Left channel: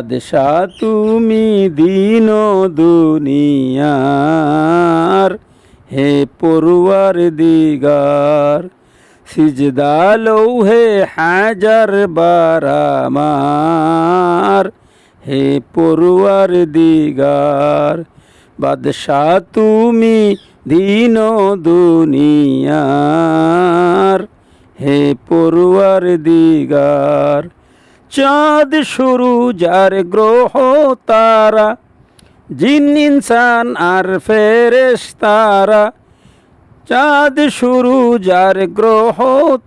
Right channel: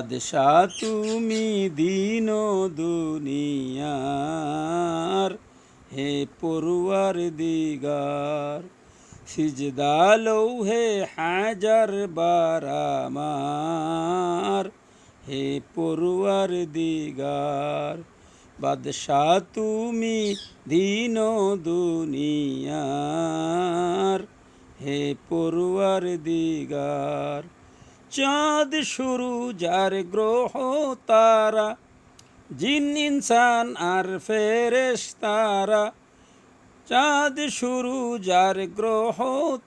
বাদশাহ তুমি দিন দুনিয়ার, হে পরওয়ার দিগার। সিজদা লৌহে হাজার বারামার, হে পরওয়ার দিগার। বাদশাহ তুমি দিন দুনিয়ার, হে পরওয়ার দিগার। চাঁদ শুরু যার গ্রহ তারা, জিন ইনসান আর ফেরেশতারা। চাঁদ শুরু যার গ্রহ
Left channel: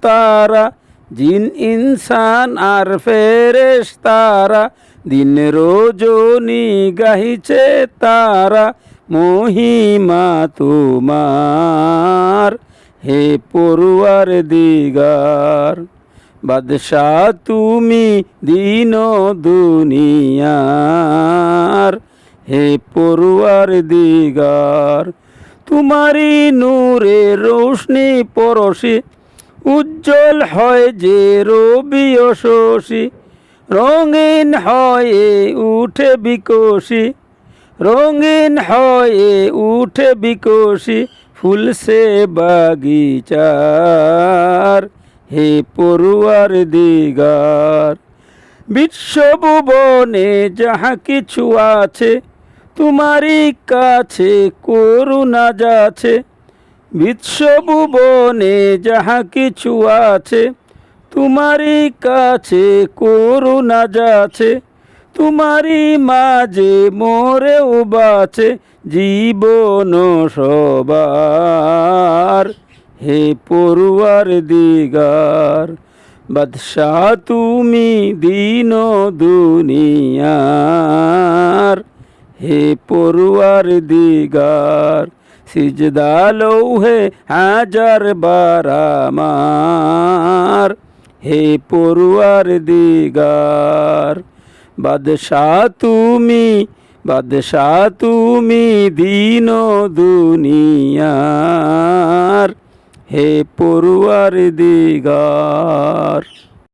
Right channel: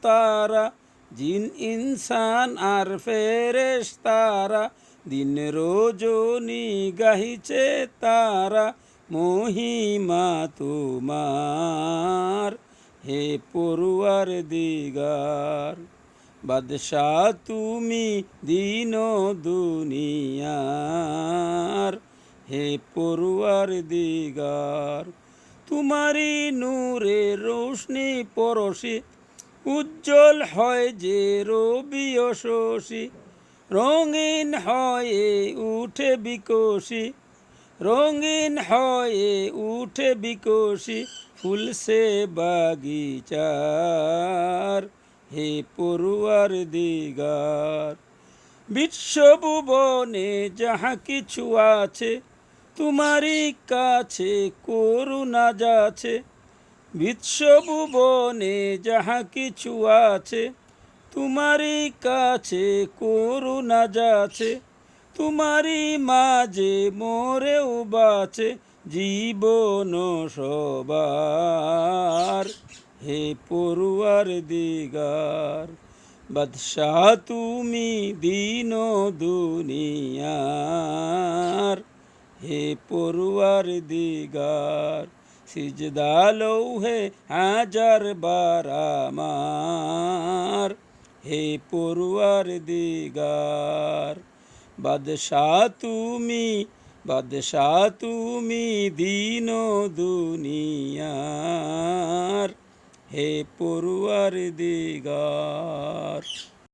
তারা, জিন ইনসান আর ফেরেশতারা। দিন রজনী গাহিছে তারা, মহিমা তোমার, হে পরওয়ার দিগার। বাদশাহ তুমি দিন দুনিয়ার, হে পরওয়ার দিগার। তোমারি নূরে রোশনি পরশি, উজ্জ্বল হয় যে রবি ও শশী। রঙিন হয়ে উঠে বিকশি, রঙিন হয়ে উঠে বিকশি, ফুলসে বাগিচার, হে পরওয়ার দিগার। বিশ্বভুবনে যাহা কিছু আছে, তোমারই কাছে করুণা যাচ্ছে। বিশ্বভুবনে যাহা কিছু আছে, তোমারই কাছে করুণা যাচ্ছে। তোমারই মাঝে মোরেও বাঁচে জীবন সবার, হে পরওয়ার দিগার। বাদশাহ তুমি দিন দুনিয়ার, হে পরওয়ার দিগার। সিজদা লৌহে হাজার বারামার, হে পরওয়ার দিগার। বাদশাহ তুমি, বাদশাহ তুমি দিন দুনিয়ার, হে পরওয়ার দিগার।